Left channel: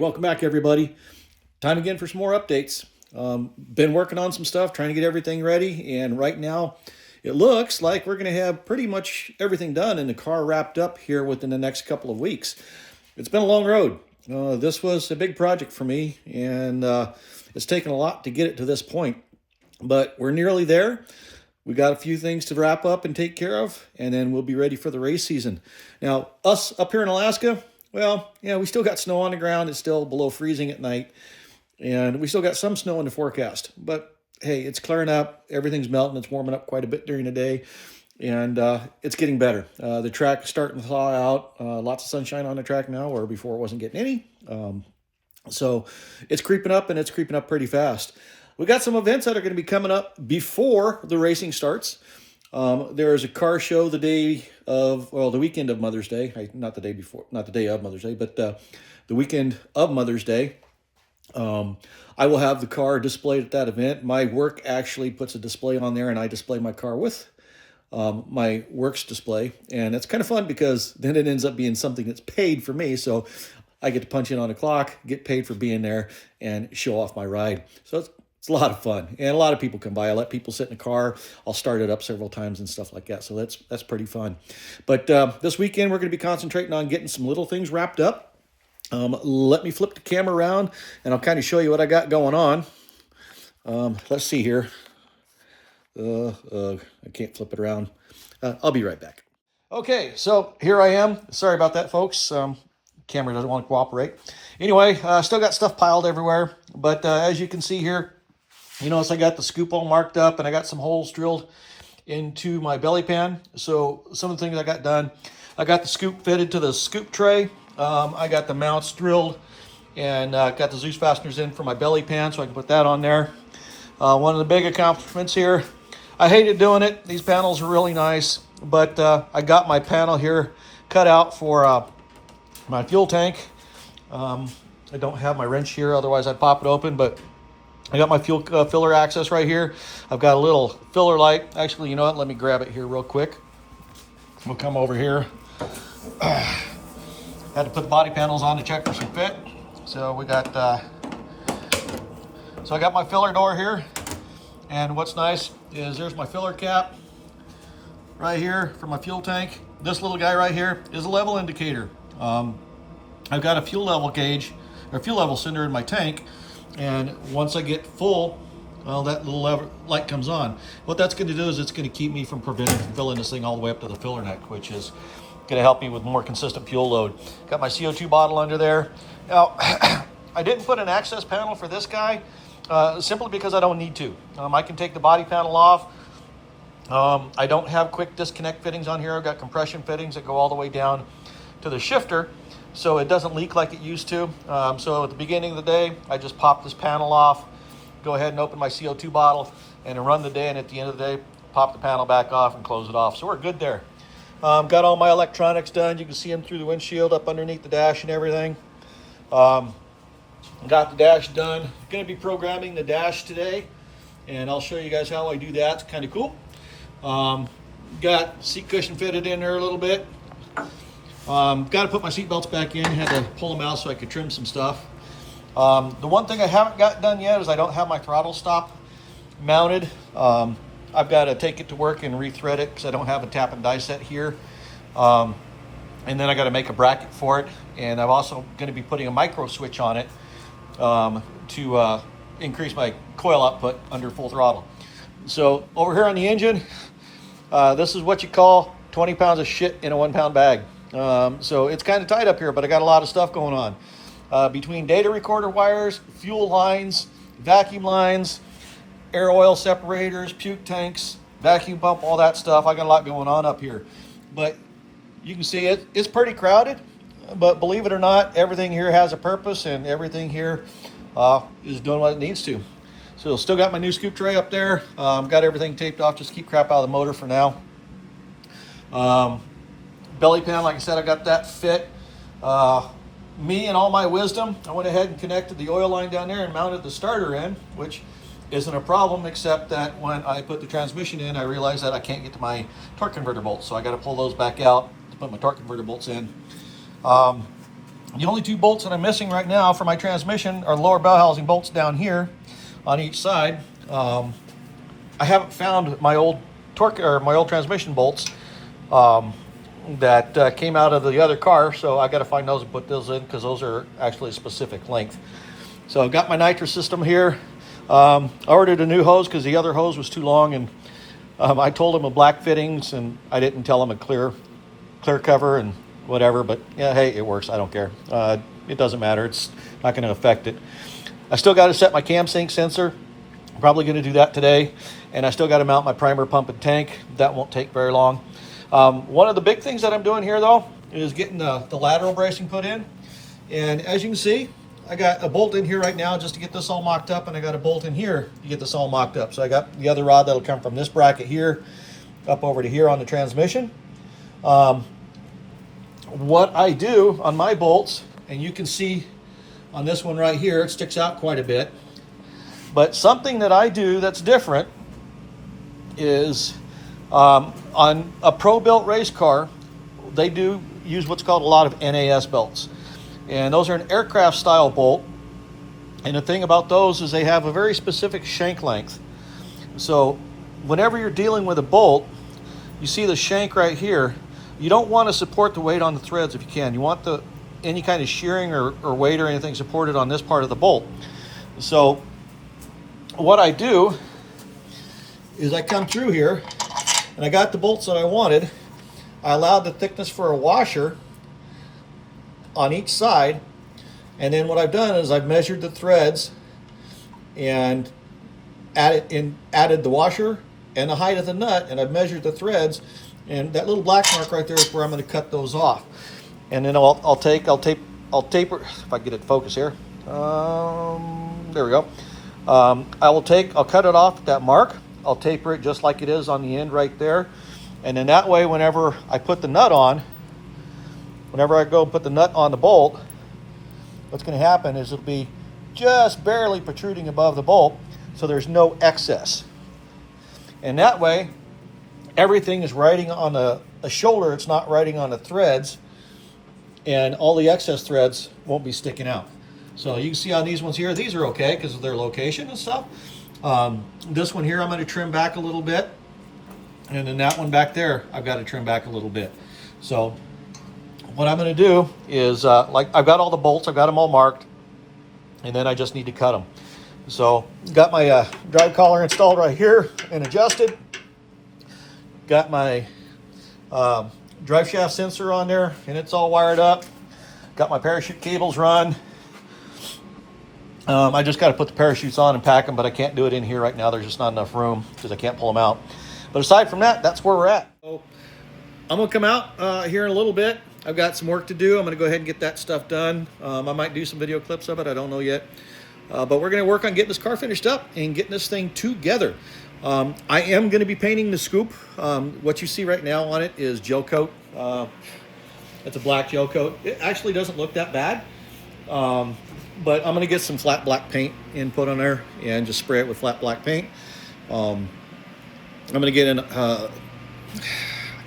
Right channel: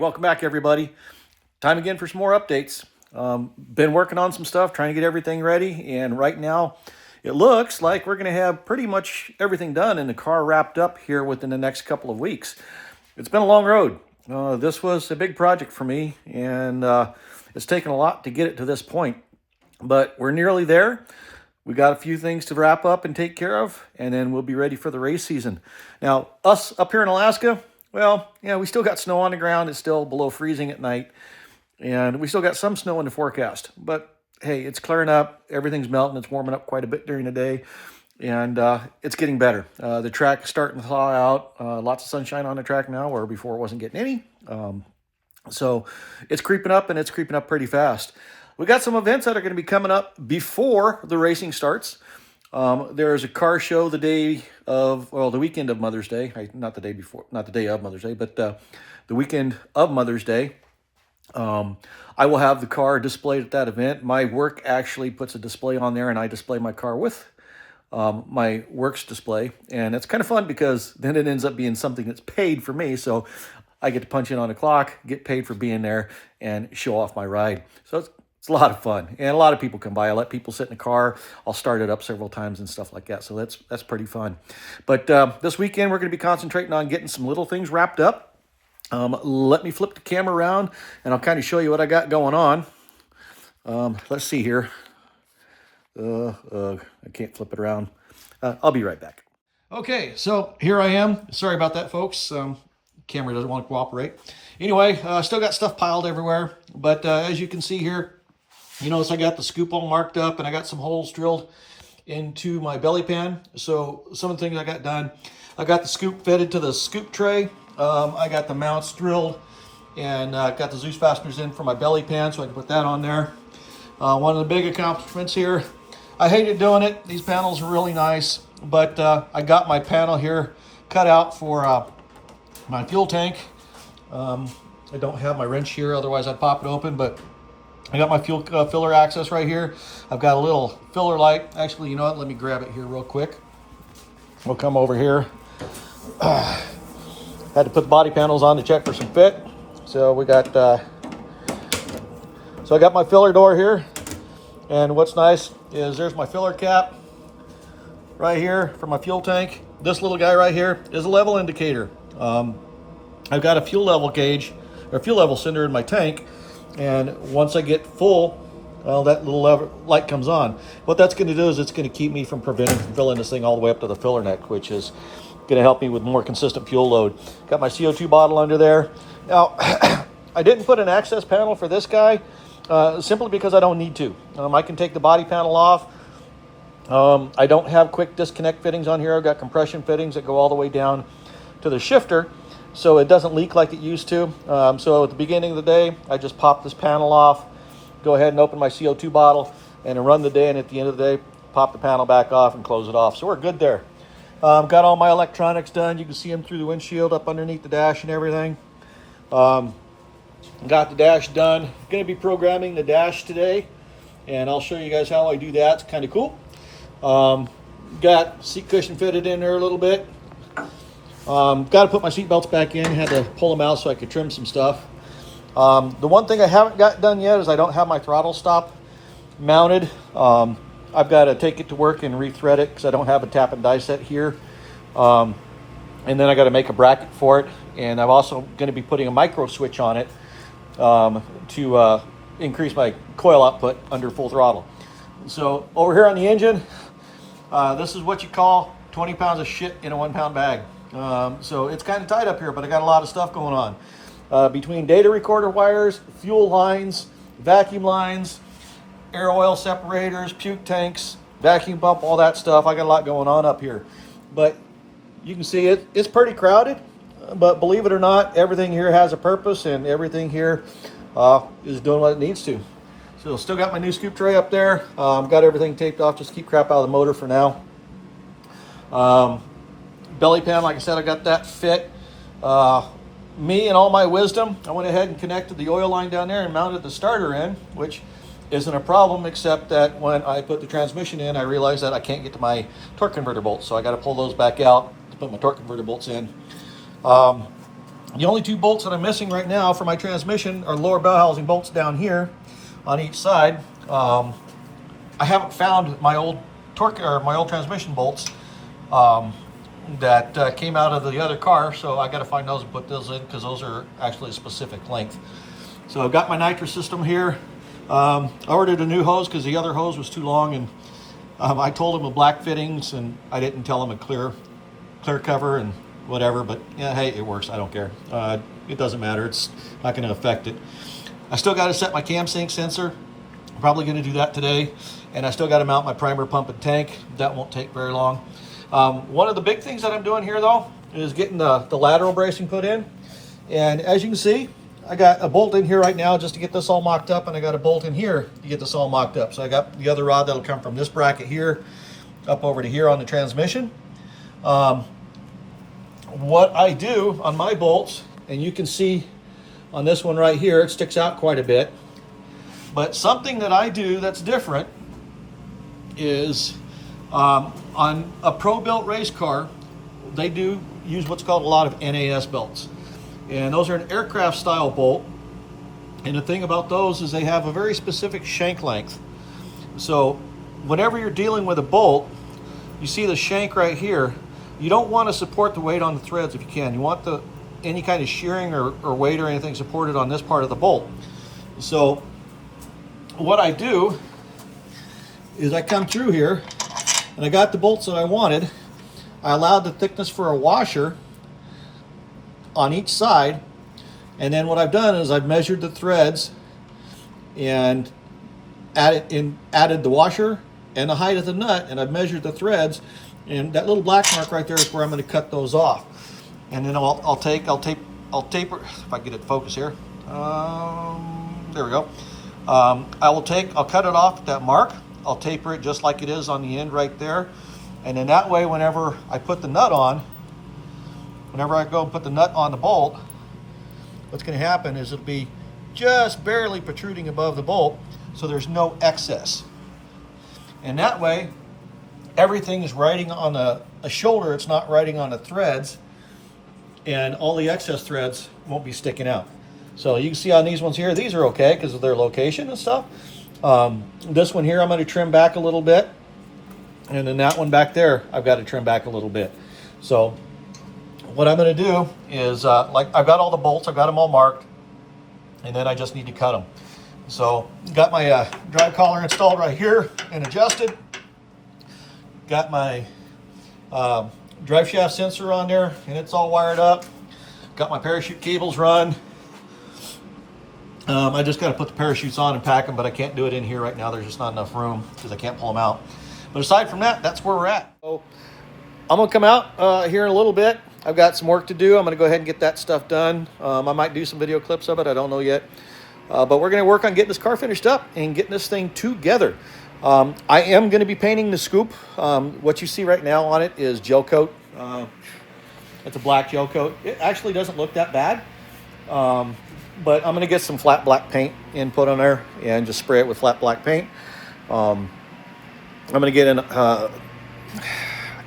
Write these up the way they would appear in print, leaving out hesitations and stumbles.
welcome back everybody. Time again for some more updates. Been working on some stuff, trying to get everything ready, and right now it looks like we're going to have pretty much everything done and the car wrapped up here within the next couple of weeks. It's been a long road. This was a big project for me, and it's taken a lot to get it to this point, but we're nearly there. We got a few things to wrap up and take care of, and then we'll be ready for the race season. Now, us up here in Alaska, well, yeah, we still got snow on the ground. It's still below freezing at night, and we still got some snow in the forecast. But hey, it's clearing up. Everything's melting. It's warming up quite a bit during the day, and it's getting better. The track is starting to thaw out. Lots of sunshine on the track now, where before it wasn't getting any. So it's creeping up, and it's creeping up pretty fast. We got some events that are going to be coming up before the racing starts. There's a car show the weekend of Mother's Day. Not the day of Mother's Day, but the weekend of Mother's Day. I will have the car displayed at that event. My work actually puts a display on there, and I display my car with my works display. And it's kind of fun because then it ends up being something that's paid for me. So I get to punch in on the clock, get paid for being there, and show off my ride. So it's a lot of fun, and a lot of people come by. I let people sit in the car. I'll start it up several times and stuff like that. So that's pretty fun. But this weekend, we're going to be concentrating on getting some little things wrapped up. Let me flip the camera around, and I'll kind of show you what I got going on. Let's see here. I can't flip it around. I'll be right back. Okay, so here I am. Sorry about that, folks. Camera doesn't want to cooperate. Anyway, still got stuff piled everywhere. But as you can see here, you notice I got the scoop all marked up, and I got some holes drilled into my belly pan. So some of the things I got done, I got the scoop fitted to the scoop tray. I got the mounts drilled, and got the Zeus fasteners in for my belly pan, so I can put that on there. One of the big accomplishments here, I hated doing it. These panels are really nice, but I got my panel here cut out for my fuel tank. I don't have my wrench here, otherwise I'd pop it open, but I got my fuel filler access right here. I've got a little filler light. Actually, you know what? Let me grab it here real quick. We'll come over here. I had to put the body panels on to check for some fit. So we got, so I got my filler door here. And what's nice is there's my filler cap right here for my fuel tank. This little guy right here is a level indicator. I've got a fuel level gauge or fuel level sender in my tank. And once I get full, well, that little light comes on. What that's going to do is it's going to keep me from preventing from filling this thing all the way up to the filler neck, which is going to help me with more consistent fuel load. Got my CO2 bottle under there. Now, I didn't put an access panel for this guy simply because I don't need to. I can take the body panel off. I don't have quick disconnect fittings on here. I've got compression fittings that go all the way down to the shifter, so it doesn't leak like it used to. So at the beginning of the day, I just pop this panel off, go ahead and open my CO2 bottle, and run the day, and at the end of the day, pop the panel back off and close it off. So we're good there. Got all my electronics done. You can see them through the windshield up underneath the dash and everything. Got the dash done. Going to be programming the dash today, and I'll show you guys how I do that. It's kind of cool. Got seat cushion fitted in there a little bit. Got to put my seat belts back in. Had to pull them out so I could trim some stuff. The one thing I haven't got done yet is I don't have my throttle stop mounted. I've got to take it to work and rethread it because I don't have a tap and die set here. And then I got to make a bracket for it. And I'm also going to be putting a micro switch on it to increase my coil output under full throttle. So over here on the engine, this is what you call 20 pounds of shit in a 1 pound bag. So it's kind of tight up here, but I got a lot of stuff going on. Between data recorder wires, fuel lines, vacuum lines, air oil separators, puke tanks, vacuum pump, all that stuff. I got a lot going on up here. But you can see it's pretty crowded, but believe it or not, everything here has a purpose, and everything here is doing what it needs to. So still got my new scoop tray up there. Got everything taped off, just keep crap out of the motor for now. Belly pan, like I said, I got that fit. Me and all my wisdom, I went ahead and connected the oil line down there and mounted the starter in, which isn't a problem, except that when I put the transmission in, I realized that I can't get to my torque converter bolts, so I got to pull those back out to put my torque converter bolts in. The only two bolts that I'm missing right now for my transmission are lower bell housing bolts down here on each side. I haven't found my old torque or my old transmission bolts that came out of the other car, so I got to find those and put those in because those are actually a specific length. So I've got my nitrous system here. I ordered a new hose because the other hose was too long, and I told him a black fittings, and I didn't tell him a clear cover and whatever, but yeah, hey, it works. I don't care. It doesn't matter. It's not going to affect it. I still got to set my cam sync sensor. I'm probably going to do that today, and I still got to mount my primer pump and tank. That won't take very long. One of the big things that I'm doing here, though, is getting the lateral bracing put in. And as you can see, I got a bolt in here right now just to get this all mocked up, and I got a bolt in here to get this all mocked up. So I got the other rod that'll come from this bracket here up over to here on the transmission. What I do on my bolts, and you can see on this one right here, it sticks out quite a bit. But something that I do that's different is on a pro-built race car, they do use what's called a lot of NAS belts. And those are an aircraft style bolt. And the thing about those is they have a very specific shank length. So whenever you're dealing with a bolt, you see the shank right here. You don't want to support the weight on the threads if you can. You want any kind of shearing or weight or anything supported on this part of the bolt. So what I do is I come through here and I got the bolts that I wanted. I allowed the thickness for a washer on each side, and then what I've done is I've measured the threads and added the washer and the height of the nut, and I've measured the threads, and that little black mark right there is where I'm going to cut those off. And then I'll taper, if I get it to focus here. There we go. I'll cut it off at that mark. I'll taper it just like it is on the end right there. And then that way, whenever I put the nut on, whenever I go and put the nut on the bolt, what's going to happen is it'll be just barely protruding above the bolt, so there's no excess. And that way, everything is riding on the shoulder, it's not riding on the threads, and all the excess threads won't be sticking out. So you can see on these ones here, these are okay because of their location and stuff. This one here, I'm going to trim back a little bit. And then that one back there, I've got to trim back a little bit. So what I'm going to do is, like I've got all the bolts, I've got them all marked, and then I just need to cut them. So got my drive collar installed right here and adjusted. Got my drive shaft sensor on there, and it's all wired up. Got my parachute cables run. I just got to put the parachutes on and pack them, but I can't do it in here right now. There's just not enough room because I can't pull them out. But aside from that, that's where we're at. So I'm going to come out here in a little bit. I've got some work to do. I'm going to go ahead and get that stuff done. I might do some video clips of it. I don't know yet. But we're going to work on getting this car finished up and getting this thing together. I am going to be painting the scoop. What you see right now on it is gel coat. It's a black gel coat. It actually doesn't look that bad. But I'm going to get some flat black paint and put on there and just spray it with flat black paint. I'm going to get in, I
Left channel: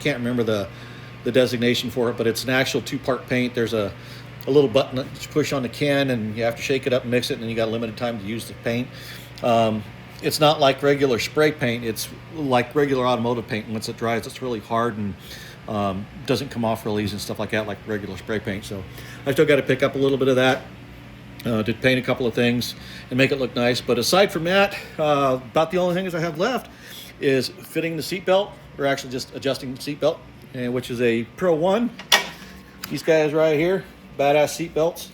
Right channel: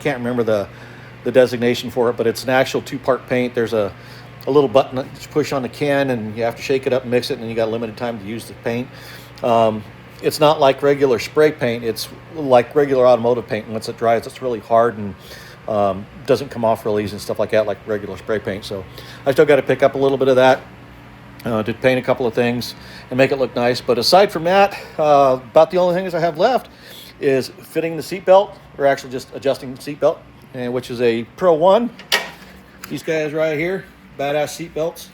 can't remember the designation for it, but it's an actual two-part paint. There's a little button that you push on the can, and you have to shake it up and mix it, and then you got a limited time to use the paint. It's not like regular spray paint. It's like regular automotive paint. Once it dries, it's really hard and doesn't come off real easy and stuff like that, like regular spray paint. So I still got to pick up a little bit of that to paint a couple of things and make it look nice. But aside from that, about the only things I have left is fitting the seatbelt, or actually just adjusting the seatbelt, which is a Pro 1. These guys right here, badass seatbelts.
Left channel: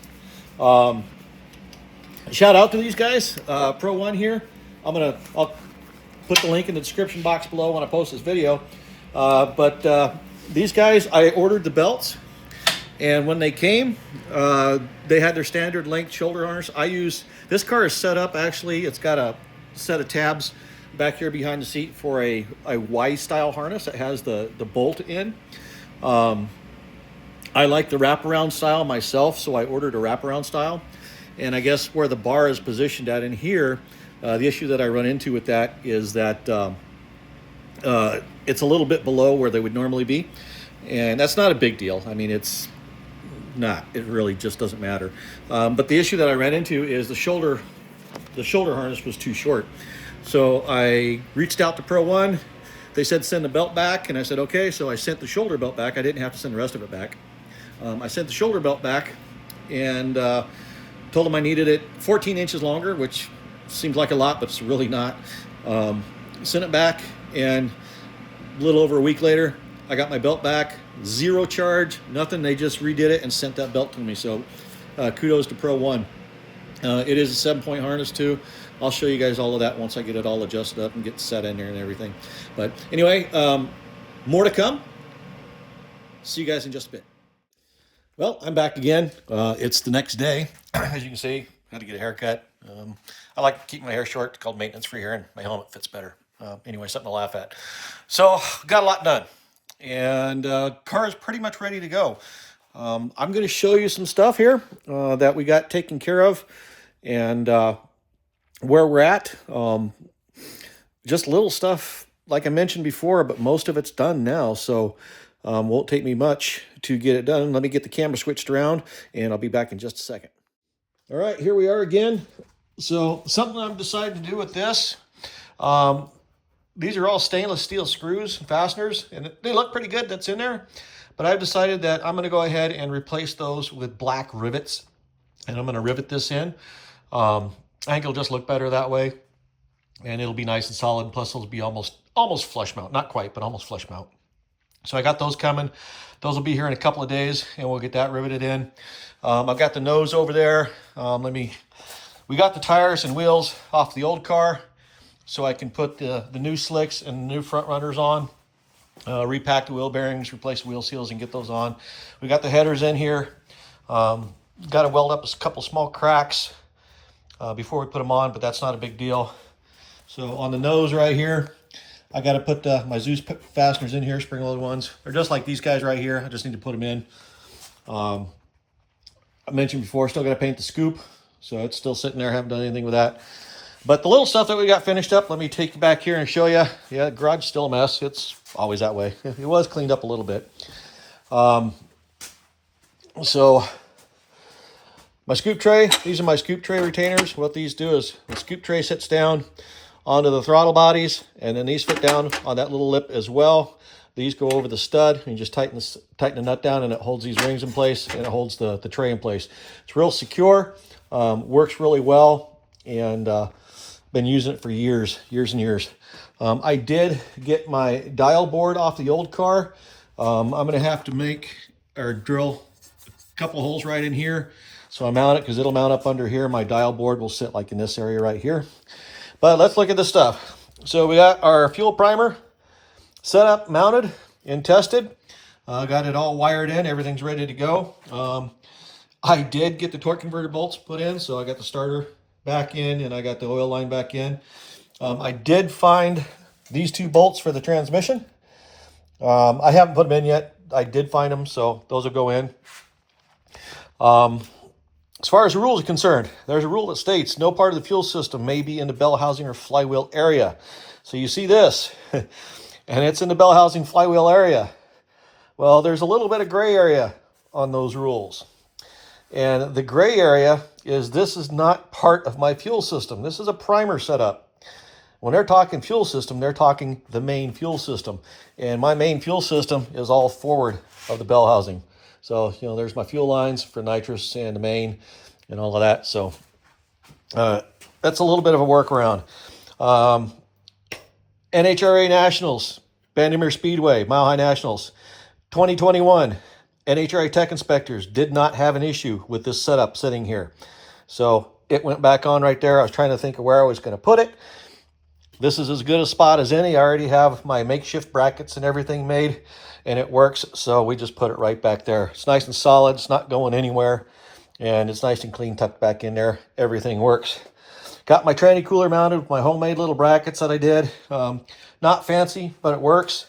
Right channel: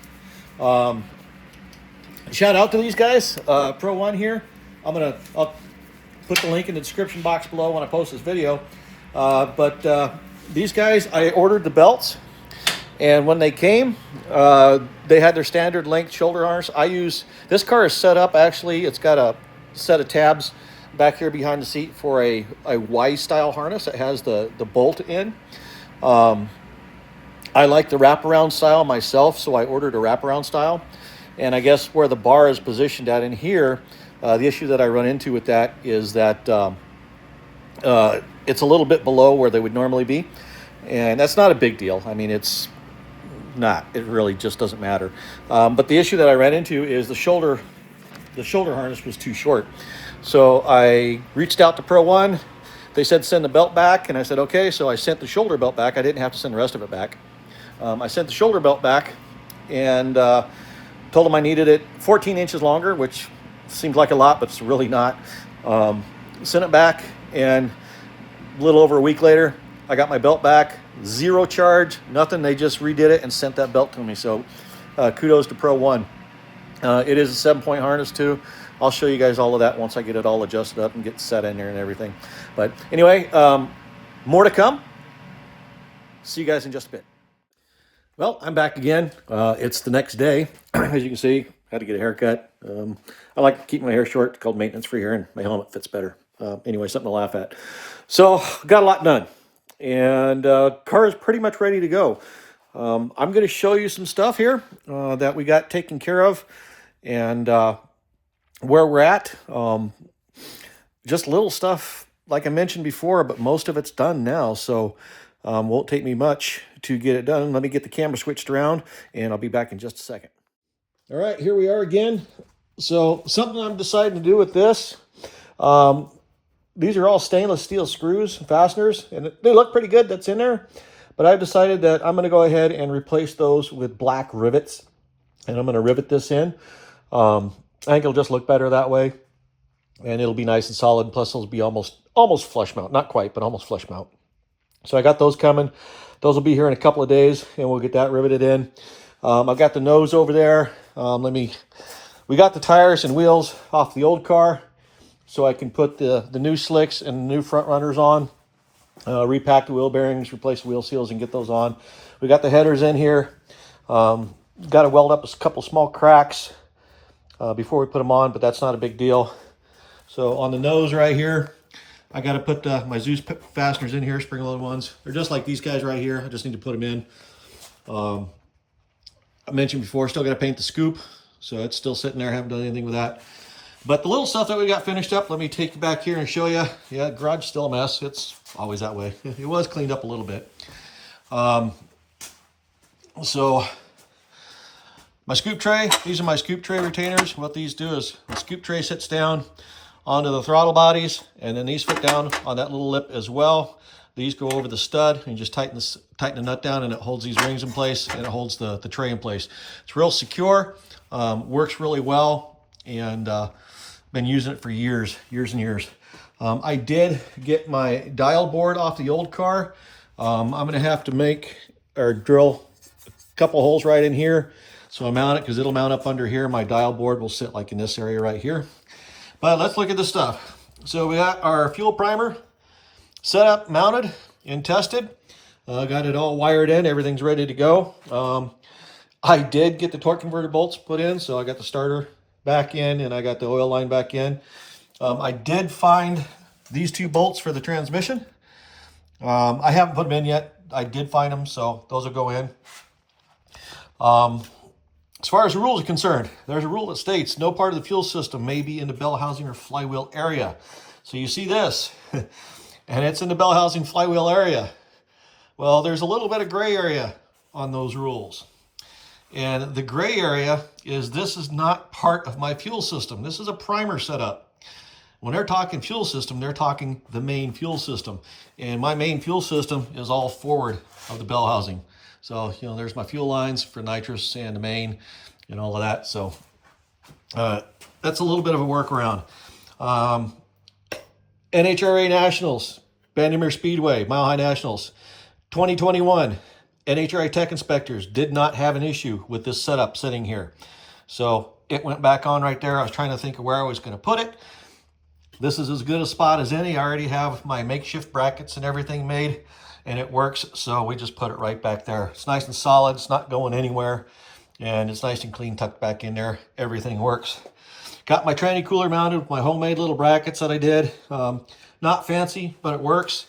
Shout out to these guys, Pro 1 here. I'll put the link in the description box below when I post this video. But these guys, I ordered the belts, and when they came, they had their standard length shoulder harness. This car is set up, actually, it's got a set of tabs back here behind the seat for a Y style harness that has the bolt in. I like the wraparound style myself, so I ordered a wraparound style. And I guess where the bar is positioned at in here, the issue that I run into with that is that it's a little bit below where they would normally be. And that's not a big deal. I mean, it's not. It really just doesn't matter. But the issue that I ran into is the shoulder harness was too short. So I reached out to Pro One. They said send the belt back, and I said okay. So I sent the shoulder belt back. I didn't have to send the rest of it back. I sent the shoulder belt back and told them I needed it 14 inches longer, which seems like a lot, but it's really not. Sent it back, and a little over a week later, I got my belt back. Zero charge, nothing. They just redid it and sent that belt to me. So kudos to Pro One. It is a 7-point harness too. I'll show you guys all of that once I get it all adjusted up and get set in there and everything. But anyway, more to come. See you guys in just a bit. Well, I'm back again. It's the next day. As you can see, had to get a haircut. I like to keep my hair short. It's called maintenance-free hair, and my helmet fits better. Anyway, something to laugh at. So, got a lot done. And car is pretty much ready to go. I'm going to show you some stuff here that we got taken care of and where we're at. Just little stuff, like I mentioned before, but most of it's done now. So, won't take me much to get it done. Let me get the camera switched around, and I'll be back in just a second. All right, here we are again. So something I'm deciding to do with this, these are all stainless steel screws and fasteners, and they look pretty good, that's in there. But I've decided that I'm gonna go ahead and replace those with black rivets, and I'm gonna rivet this in. I think it'll just look better that way, and it'll be nice and solid. Plus those will be almost flush mount, not quite, but almost flush mount. So I got those coming. Those will be here in a couple of days, and we'll get that riveted in. I've got the nose over there. We got the tires and wheels off the old car, so I can put the new slicks and the new front runners on, repack the wheel bearings, replace the wheel seals, and get those on. We got the headers in here. Got to weld up a couple small cracks before we put them on, but that's not a big deal. So on the nose right here, I got to put my Zeus fasteners in here, spring-loaded ones. They're just like these guys right here. I just need to put them in. I mentioned before, still got to paint the scoop, so it's still sitting there. Haven't done anything with that. But the little stuff that we got finished up, let me take you back here and show you. Yeah, garage still a mess. It's always that way. It was cleaned up a little bit. So my scoop tray, these are my scoop tray retainers. What these do is the scoop tray sits down onto the throttle bodies, and then these fit down on that little lip as well. These go over the stud, and you just tighten the nut down, and it holds these rings in place, and it holds the tray in place. It's real secure, works really well, and been using it for years and years. I did get my dial board off the old car. I'm gonna have to make or drill a couple holes right in here, so I mount it, because it'll mount up under here. My dial board will sit like in this area right here. But let's look at the stuff. So we got our fuel primer set up, mounted, and tested. Got it all wired in. Everything's ready to go. I did get the torque converter bolts put in, so I got the starter back in, and I got the oil line back in. I did find these 2 bolts for the transmission. I haven't put them in yet. I did find them, so those will go in. As far as the rules are concerned, there's a rule that states no part of the fuel system may be in the bell housing or flywheel area. So you see this, and it's in the bell housing flywheel area. Well, there's a little bit of gray area on those rules. And the gray area is this is not part of my fuel system. This is a primer setup. When they're talking fuel system, they're talking the main fuel system. And my main fuel system is all forward of the bell housing. So, you know, there's my fuel lines for nitrous and the main and all of that. So that's a little bit of a workaround. NHRA Nationals, Bandimere Speedway, Mile High Nationals, 2021. NHRA Tech Inspectors did not have an issue with this setup sitting here. So it went back on right there. I was trying to think of where I was going to put it. This is as good a spot as any. I already have my makeshift brackets and everything made, and it works. So we just put it right back there. It's nice and solid. It's not going anywhere, and it's nice and clean tucked back in there. Everything works. Got my tranny cooler mounted with my homemade little brackets that I did. Not fancy, but it works.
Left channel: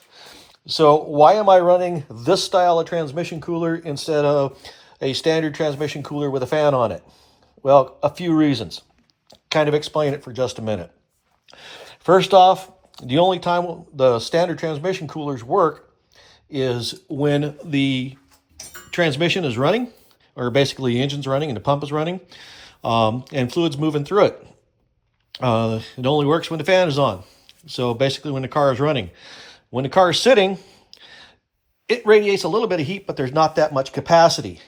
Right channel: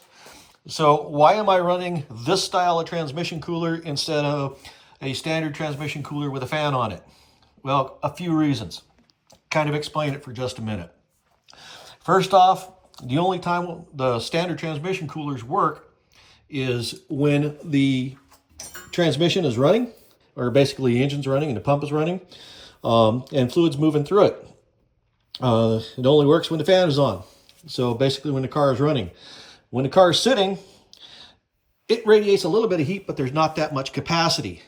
So why am I running this style of transmission cooler instead of a standard transmission cooler with a fan on it? Well, a few reasons. Kind of explain it for just a minute. First off, the only time the standard transmission coolers work is when the transmission is running, or basically the engine's running and the pump is running, and fluid's moving through it. It only works when the fan is on. So basically when the car is running. When the car is sitting, it radiates a little bit of heat, but there's not that much capacity.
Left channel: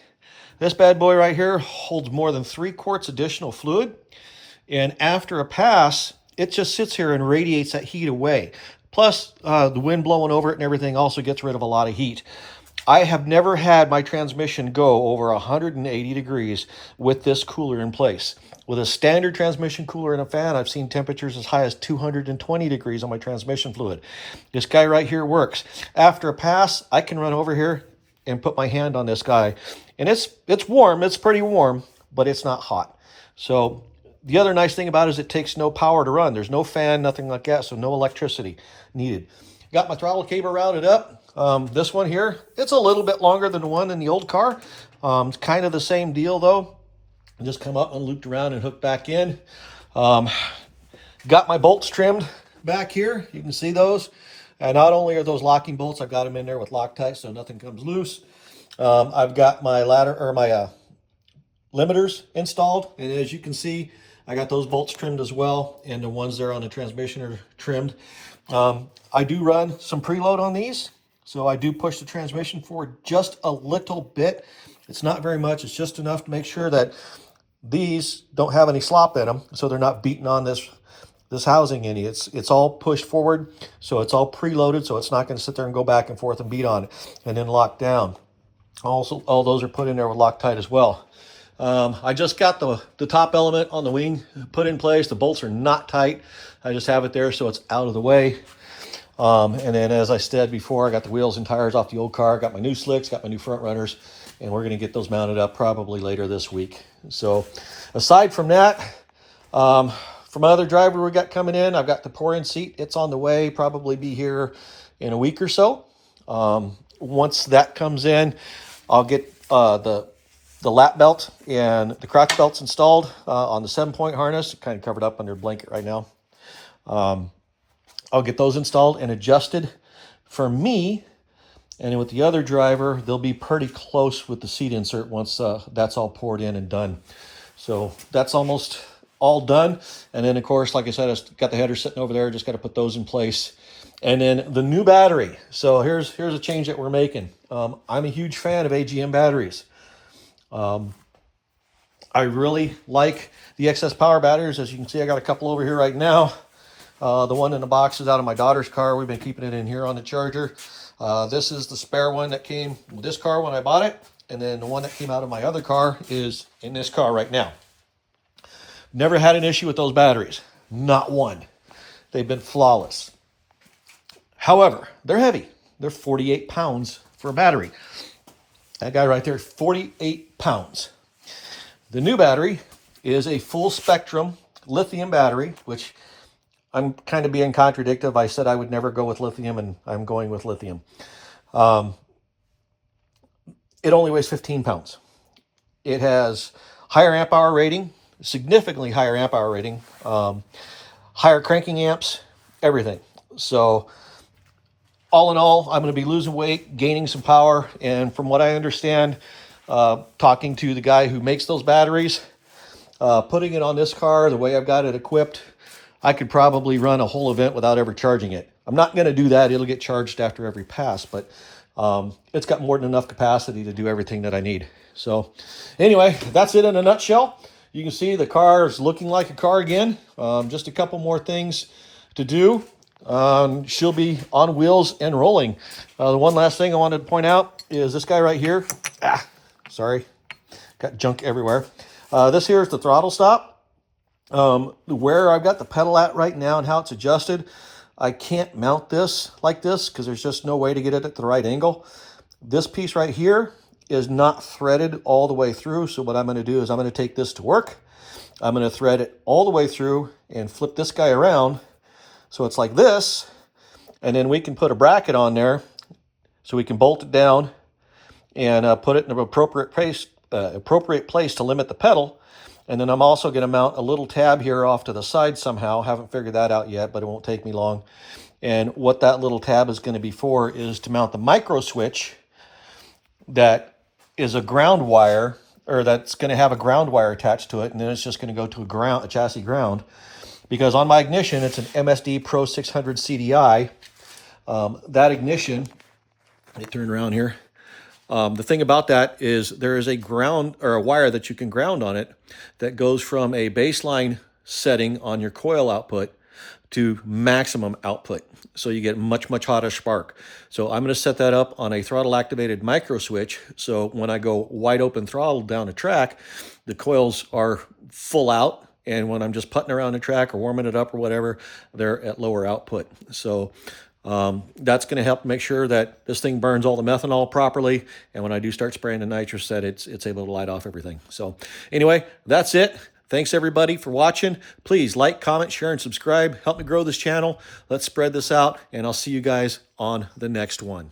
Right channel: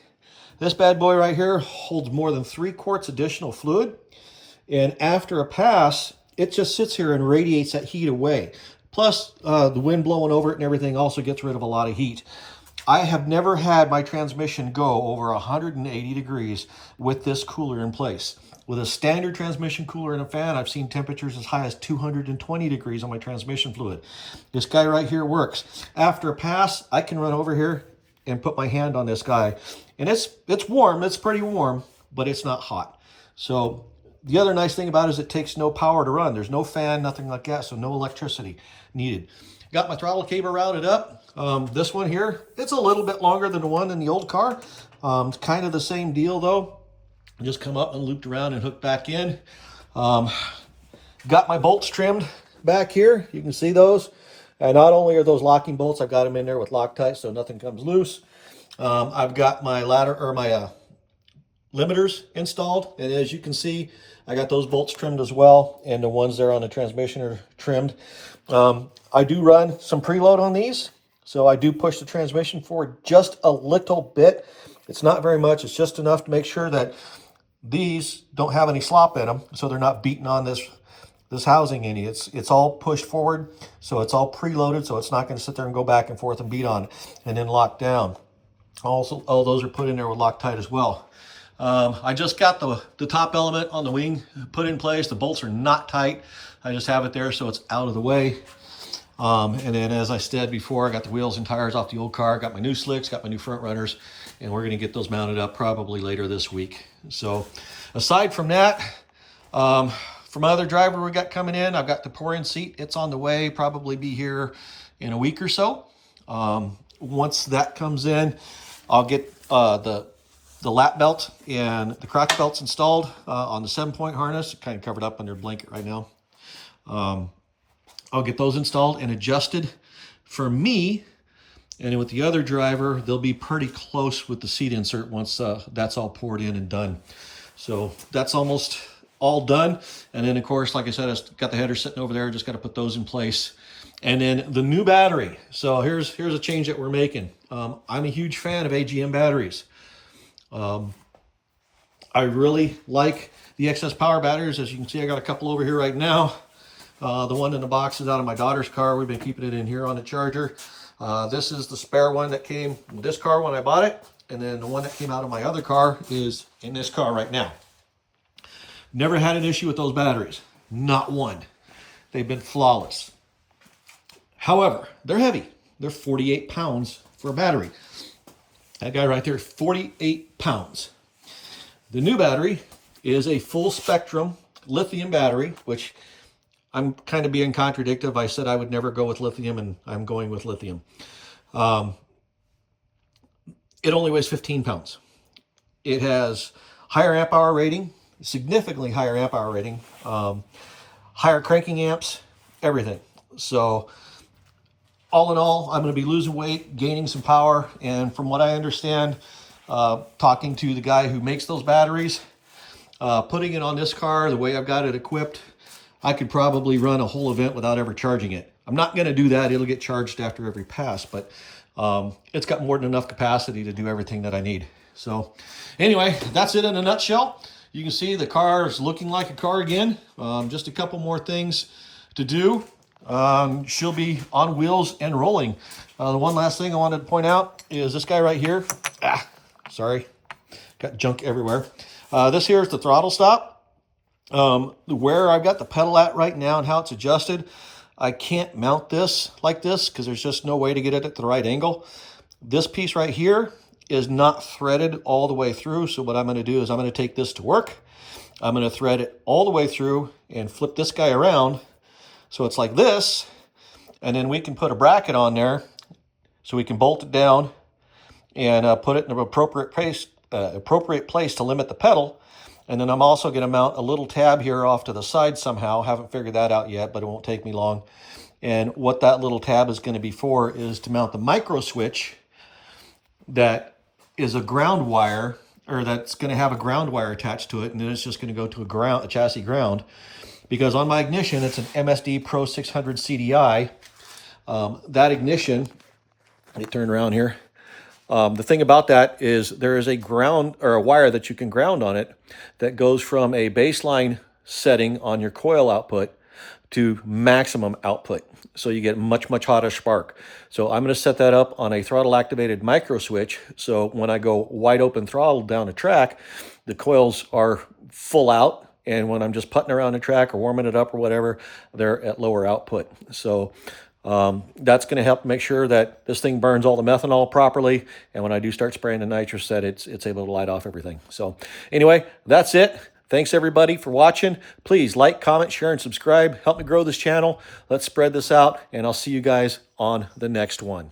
This bad boy right here holds more than 3 quarts additional fluid. And after a pass, it just sits here and radiates that heat away. Plus, the wind blowing over it and everything also gets rid of a lot of heat. I have never had my transmission go over 180 degrees with this cooler in place. With a standard transmission cooler and a fan, I've seen temperatures as high as 220 degrees on my transmission fluid. This guy right here works. After a pass, I can run over here and put my hand on this guy. And it's warm, it's pretty warm, but it's not hot. So the other nice thing about it is it takes no power to run. There's no fan, nothing like that, so no electricity needed. Got my throttle cable routed up. This one here, it's a little bit longer than the one in the old car. It's kind of the same deal though. Just come up and looped around and hooked back in. Got my bolts trimmed back here. You can see those. And not only are those locking bolts, I've got them in there with Loctite so nothing comes loose. I've got my ladder or my limiters installed. And as you can see, I got those bolts trimmed as well. And the ones there on the transmission are trimmed. I do run some preload on these. So I do push the transmission forward just a little bit. It's not very much. It's just enough to make sure that these don't have any slop in them, so they're not beating on this housing any. It's all pushed forward, so it's all preloaded, so it's not going to sit there and go back and forth and beat on it and then lock down. Also, all those are put in there with Loctite as well. I just got the top element on the wing put in place. The bolts are not tight. I just have it there so it's out of the way. And then, as I said before, I got the wheels and tires off the old car, got my new slicks, got my new front runners, and we're going to get those mounted up probably later this week. So aside from that, for my other driver we got coming in, I've got the pour-in seat. It's on the way, probably be here in a week or so. Once that comes in, I'll get the lap belt and the crotch belts installed on the 7-point harness. Kind of covered up under a blanket right now. I'll get those installed and adjusted for me. And with the other driver, they'll be pretty close with the seat insert once that's all poured in and done. So that's almost all done. And then, of course, like I said, I've got the header sitting over there. Just got to put those in place. And then the new battery. So here's a change that we're making. I'm a huge fan of AGM batteries. I really like the excess power batteries. As you can see, I got a couple over here right now. The one in the box is out of my daughter's car. We've been keeping it in here on the charger. This is the spare one that came in this car when I bought it. And then the one that came out of my other car is in this car right now. Never had an issue with those batteries. Not one. They've been flawless. However, they're heavy. They're 48 pounds for a battery. That guy right there, 48 pounds. The new battery is a full spectrum lithium battery, which I'm kind of being contradictory. I said I would never go with lithium, and I'm going with lithium. It only weighs 15 pounds. It has higher amp hour rating, significantly higher amp hour rating, higher cranking amps, everything. So all in all, I'm going to be losing weight, gaining some power. And from what I understand, talking to the guy who makes those batteries, putting it on this car, the way I've got it equipped, I could probably run a whole event without ever charging it. I'm not going to do that. It'll get charged after every pass, but it's got more than enough capacity to do everything that I need. So anyway, that's it in a nutshell. You can see the car is looking like a car again. Just a couple more things to do. She'll be on wheels and rolling. The one last thing I wanted to point out is this guy right here. Sorry, got junk everywhere. This here is the throttle stop. Where I've got the pedal at right now and how it's adjusted, I can't mount this like this because there's just no way to get it at the right angle. This piece right here is not threaded all the way through. So what I'm going to do is I'm going to take this to work. I'm going to thread it all the way through and flip this guy around. So it's like this. And then we can put a bracket on there so we can bolt it down and put it in an appropriate place to limit the pedal. And then I'm also going to mount a little tab here off to the side somehow. Haven't figured that out yet, but it won't take me long. And what that little tab is going to be for is to mount the micro switch that is a ground wire, or that's going to have a ground wire attached to it, and then it's just going to go to a chassis ground. Because on my ignition, it's an MSD Pro 600 CDI. That ignition, let me turn around here. The thing about that is there is a ground or a wire that you can ground on it that goes from a baseline setting on your coil output to maximum output. So you get much hotter spark. So I'm going to set that up on a throttle activated micro switch. So when I go wide open throttle down a track, the coils are full out. And when I'm just putting around the track or warming it up or whatever, they're at lower output. So that's going to help make sure that this thing burns all the methanol properly. And when I do start spraying the nitrous, that it's able to light off everything. So anyway, that's it. Thanks everybody for watching. Please like, comment, share, and subscribe. Help me grow this channel. Let's spread this out, and I'll see you guys on the next one.